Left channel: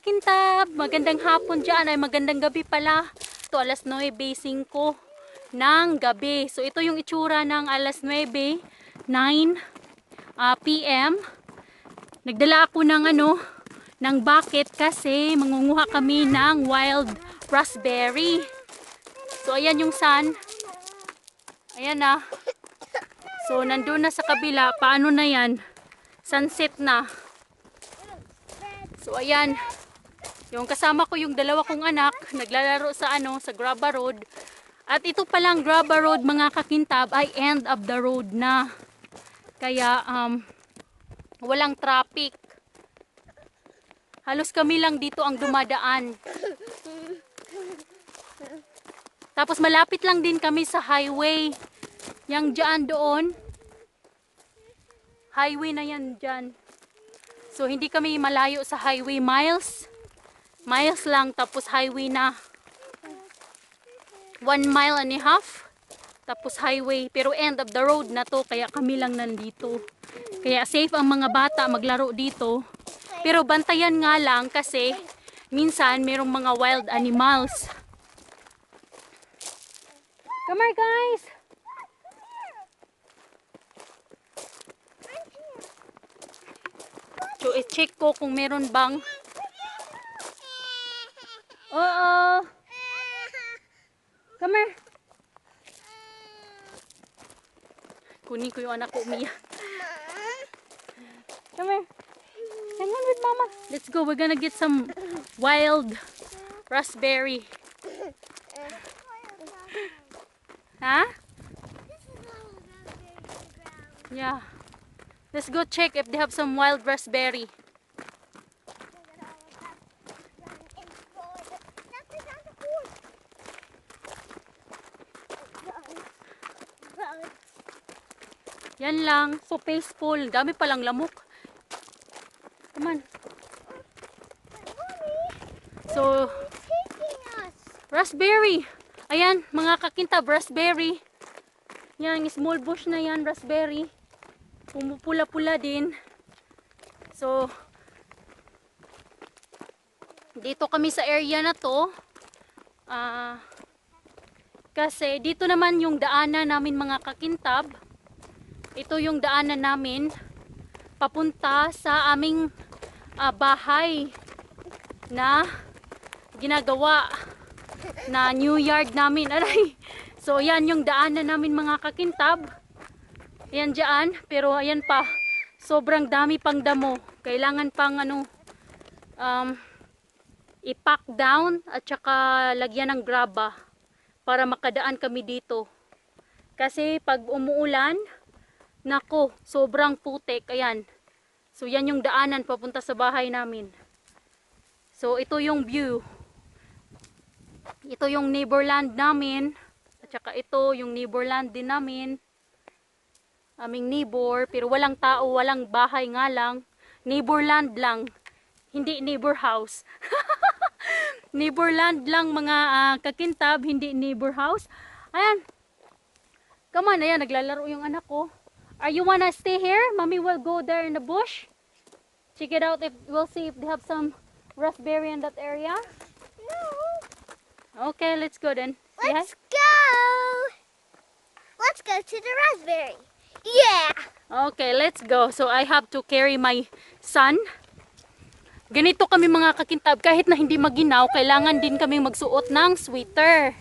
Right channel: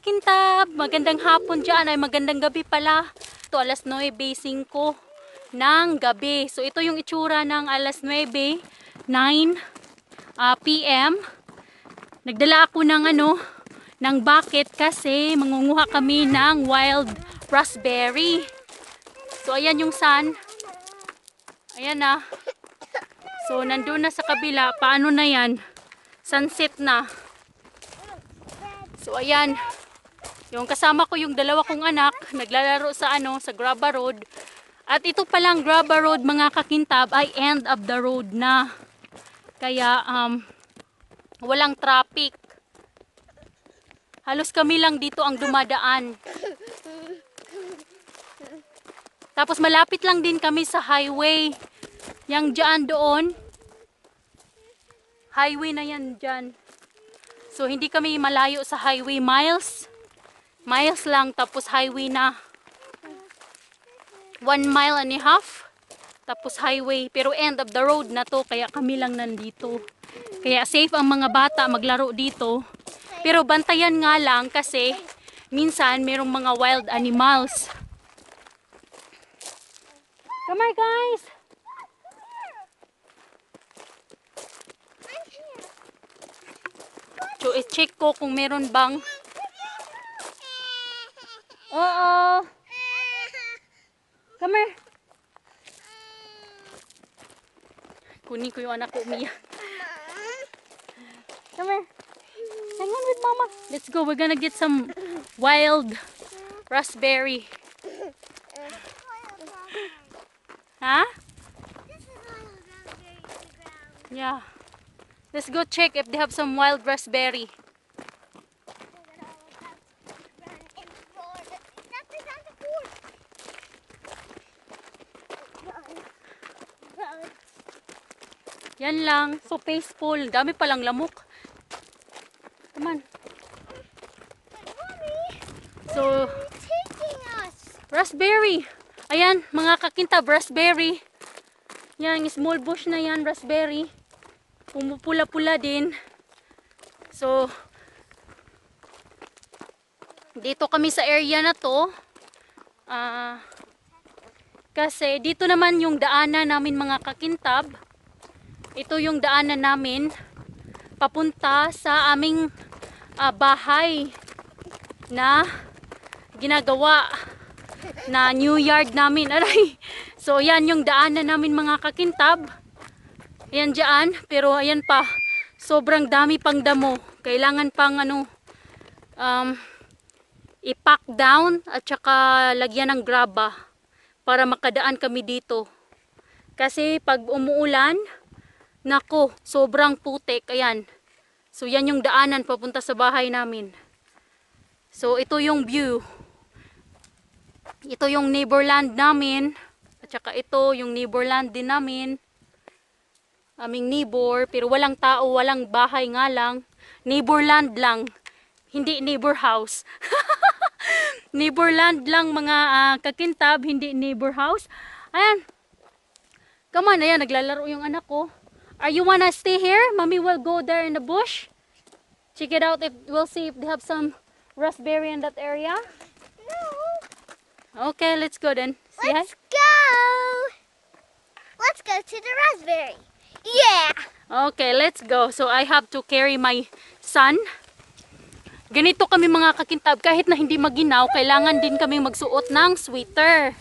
kakintab, magandang hapon dyan, ay magandang gabi pala. Ito alas 9:05 ng gabi. So ito yung itsura ng alas 9 p.m. Nagdala ako ng bucket kasi mangunguha kami ng wild raspberry. So ayan yung sun. Ayan na. So nandun na sa kabila. Paano na yan? Sunset na. So ayan. Yung kasama ko yung dalawa kong anak, naglalaro sa sa Graba Road. At ito palang Graba Road mga kakintab ay end of the road na. Kaya walang traffic. Halos kami lang dito ang dumadaan. Tapos malapit lang din kami sa highway. Yang dyan doon. Highway na yan dyan. So hindi kami malayo sa highway, miles lang, tapos highway na 1.5 miles, tapos highway, pero end of the road na to, kaya kami lang nandito. Kaya safe ang mga bata maglaro dito, pero bantayan nga lang kasi minsan merong mga wild animals. Come on guys! So i-check ko kung meron bang come here. Kunin ko yung anak ko umiyak. Come here. Hang on with mama. Let's go. We're gonna get some wild raspberry. Huh? Yeah. Let's go check if they have some wild raspberry. Yan lang. So peaceful. Dami palang lamok. Come on. So, raspberry. Ayan, mga kakintab, raspberry. Yan, small bush na yan, raspberry. Pumupula-pula din. So, dito kami sa area na to. Kasi dito naman yung daanan namin mga kakintab. Ito yung daanan namin papunta sa aming bahay na ginagawa na new yard namin. Aray. So yan yung daanan namin mga kakintab. Ayan dyan, pero ayan pa, sobrang dami pang damo. Kailangan pang i-pack down at saka lagyan ng graba para makadaan kami dito. Kasi pag umuulan, nako, sobrang putik. Ayan. So yan yung daanan papunta sa bahay namin. So ito yung view. Ito yung neighborland namin. At saka ito yung neighborland din namin. Aming neighbor, pero walang tao, walang bahay nga lang. Neighborland lang, hindi neighbor house. Neighborland lang mga kakintab, hindi neighbor house. Ayan. Come on, ayan, naglalaro yung anak ko. Are you wanna stay here? Mommy will go there in the bush. Check it out, we'll see if they have some raspberry in that area. No. Okay, let's go then. Let's go. Let's go to the raspberry. Yeah! Okay, let's go. So I have to carry my son. Ganito kami mga kakintab, kahit na hindi maginaw, kailangan din kami magsuot ng sweater.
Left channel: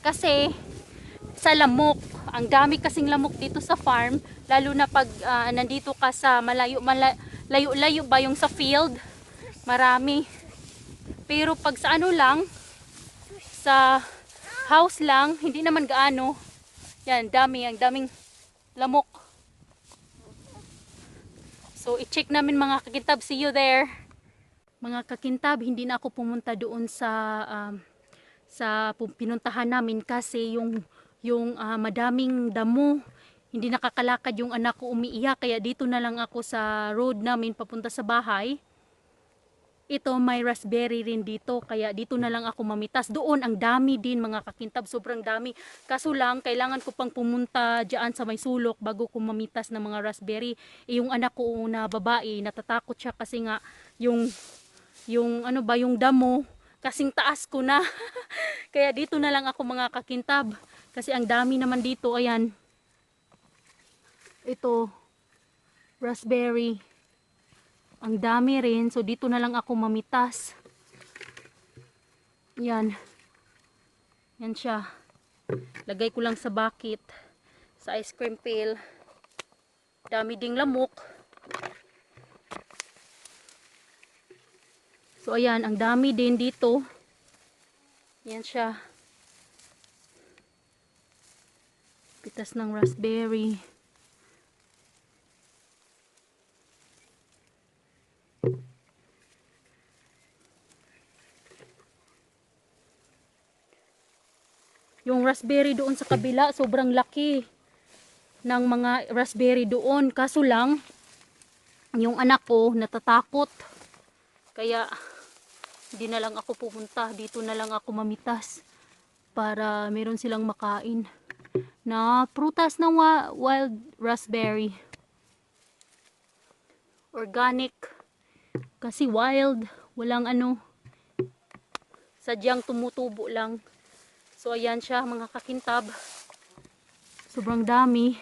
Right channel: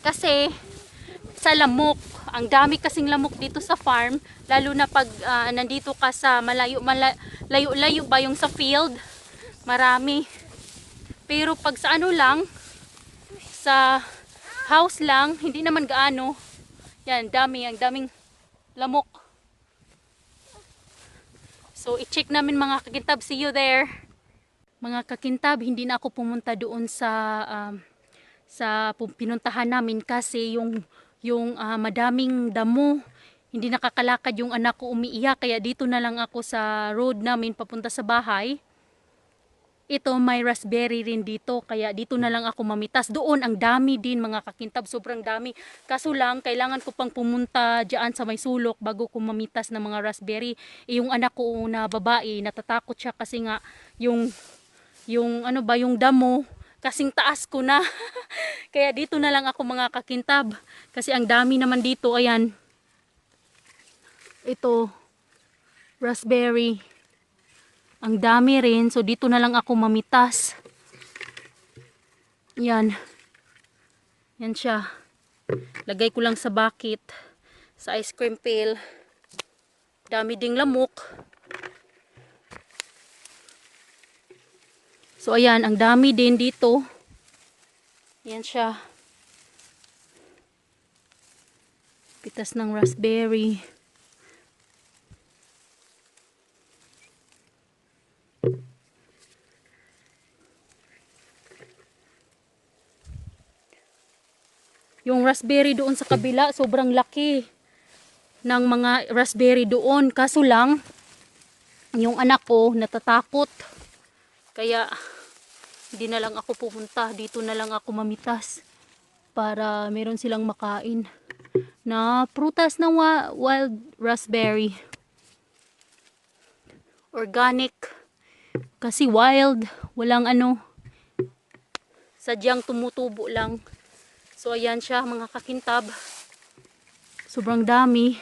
Kasi sa lamok, ang dami kasing lamok dito sa farm, lalo na pag nandito ka sa malayo ba yung sa field, marami. Pero pag sa lang, sa house lang, hindi naman gaano. Yan, ang daming lamok. So i-check namin mga kakintab, see you there. Mga kakintab, hindi na ako pumunta doon sa pinuntahan namin kasi yung madaming damo. Hindi nakakalakad yung anak ko, umiiyak, kaya dito na lang ako sa road namin papunta sa bahay. Ito may raspberry rin dito, kaya dito na lang ako mamitas. Doon ang dami din mga kakintab, sobrang dami. Kaso lang kailangan ko pang pumunta diyan sa may sulok bago ko mamitas ng mga raspberry. Yung anak ko na babae, natatakot siya kasi nga yung yung ano ba, yung damo, kasing taas ko na. Kaya dito na lang ako mga kakintab. Kasi ang dami naman dito, ayan. Ito, raspberry. Ang dami rin, so dito na lang ako mamitas. Yan. Yan siya. Lagay ko lang sa bucket, sa ice cream pail. Dami ding lamok. So ayan, ang dami din dito. Yan siya. Pitas ng raspberry. Yung raspberry doon sa kabila, sobrang laki ng mga raspberry doon. Kaso lang, yung anak ko natatakot. Kaya, hindi na lang ako pumunta. Dito na lang ako mamitas para meron silang makain na prutas na wild raspberry. Organic. Kasi wild. Walang ano. Sadyang tumutubo lang. So, ayan siya mga kakintab. Sobrang dami.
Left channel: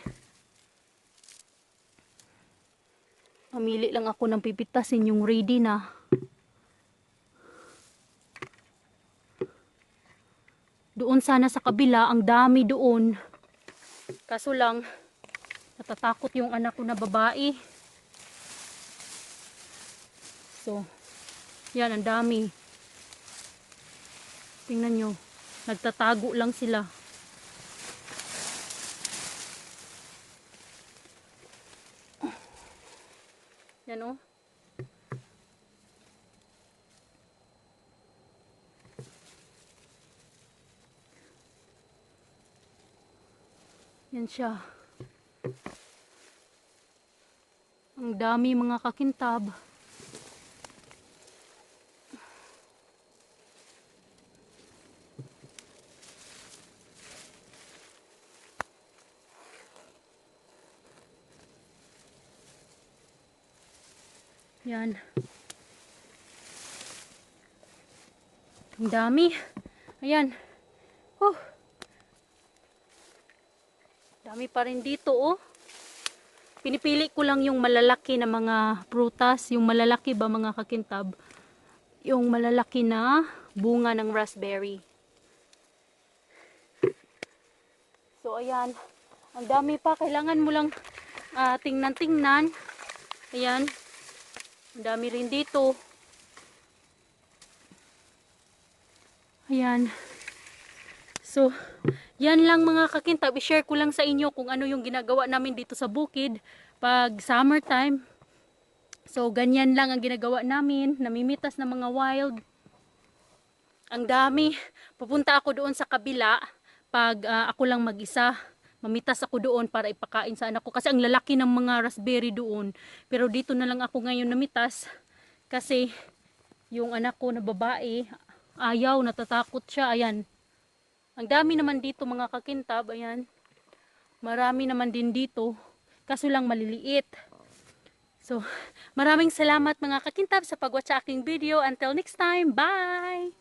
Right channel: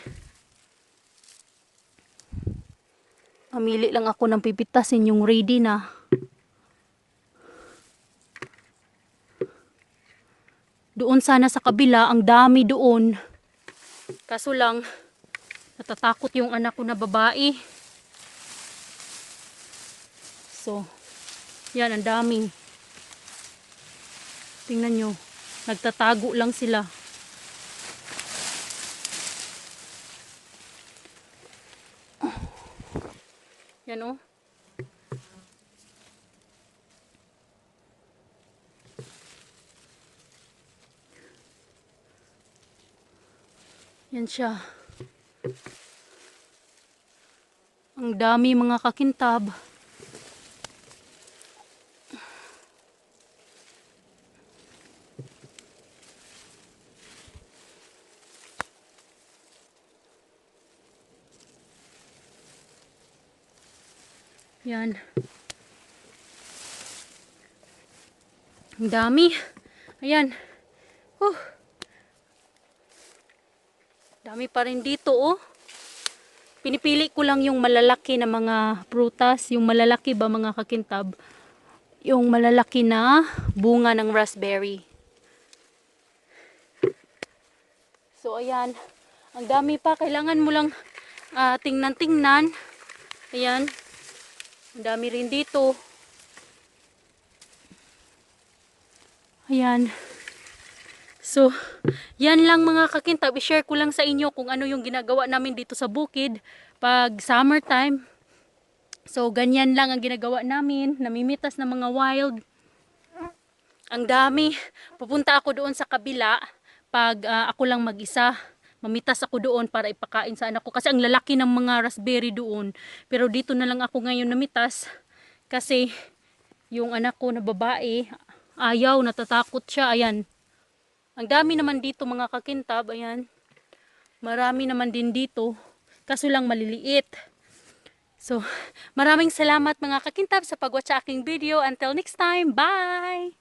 Pamili lang ako ng pipitasin yung ready na. Doon sana sa kabila, ang dami doon. Kaso lang, natatakot yung anak ko na babae. So, yan, ang dami. Tingnan nyo, nagtatago lang sila. Yan o. Yan siya. Ang dami mga kakintab. Yan. Ang dami. Ayan. Dami pa rin dito, oh. Pinipili ko lang yung malalaki na mga prutas. Yung malalaki ba mga kakintab? Yung malalaki na bunga ng raspberry. So, ayan. Ang dami pa. Kailangan mo lang tingnan-tingnan. Ayan. Ang dami rin dito. Ayan. So, yan lang mga kakintab. I-share ko lang sa inyo kung ano yung ginagawa namin dito sa bukid pag summertime. So, ganyan lang ang ginagawa namin. Namimitas ng mga wild. Ang dami. Pupunta ako doon sa kabila pag ako lang mag-isa. Mamitas ako doon para ipakain sa anak ko. Kasi ang lalaki ng mga raspberry doon. Pero dito na lang ako ngayon namitas. Kasi yung anak ko na babae, ayaw, natatakot siya. Ayan. Ang dami naman dito mga kakintab. Ayan. Marami naman din dito. Kaso lang maliliit. So, maraming salamat mga kakintab sa pag-watch sa aking video. Until next time, bye!